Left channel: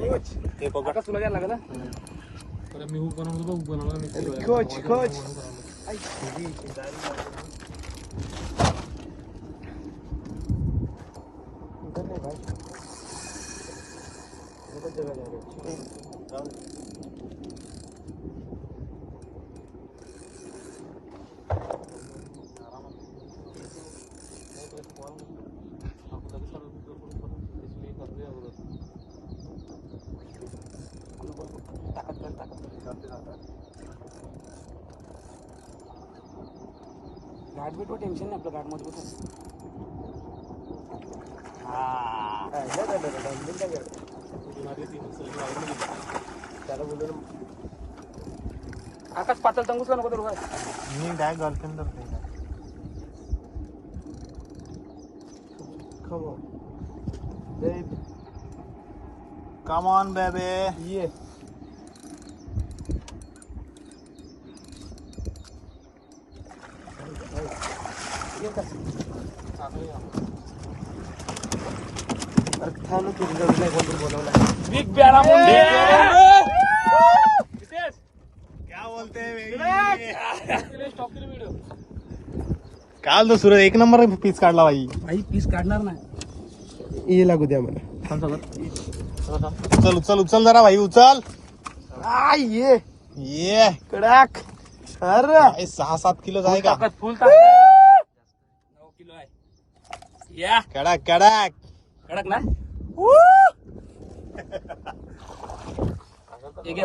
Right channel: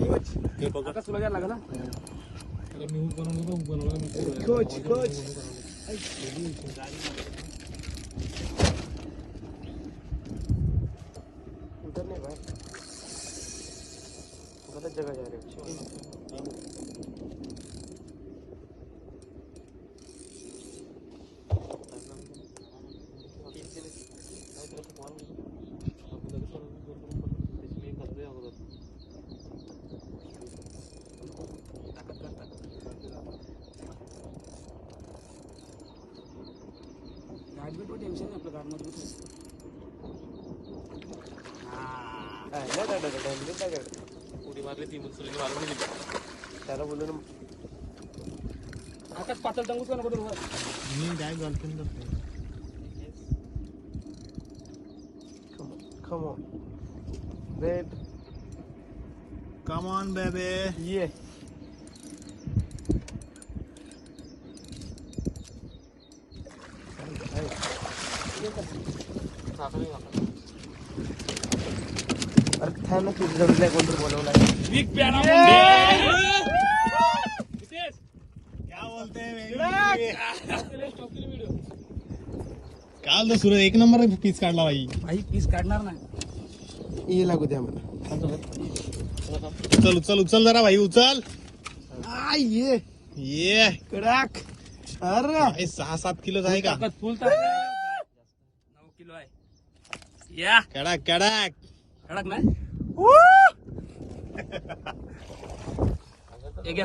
हे बघा तुला द्यायला लागेल ना. मी हुक बनवलं कोच कोच इधर नहीं भाई, गलत जगह जा रहे हो. घाट भी तो टेंशन नाही आपलं, घाट मजबूत आहे. उडी मारली ती दुसरी वाळून गेली. त्याला बोललो ना आकाश पाचल तंगूस का नको तर मी काय गर्लफ्रेंड खमो बेब कम ऑन बेबी. ये अरे थांब ना, तुझ्या जवळ नाही कोणतरी बोलवलं. बिग प्यारा मुंडे. क्या बोलते स्टॉप केली व्हिडिओ. काल तो सूरज एक नंबर पीस काढला बाई. भाई पीस काढणार नाही, ये लागू द्या मला. उचल उचल उचल जरा भाई उचल. ये ये कडाक. अरे भाई 6-7 किलो आहे का? फुल 9 किलो आहे. या कडक कडक. कडक ना. एक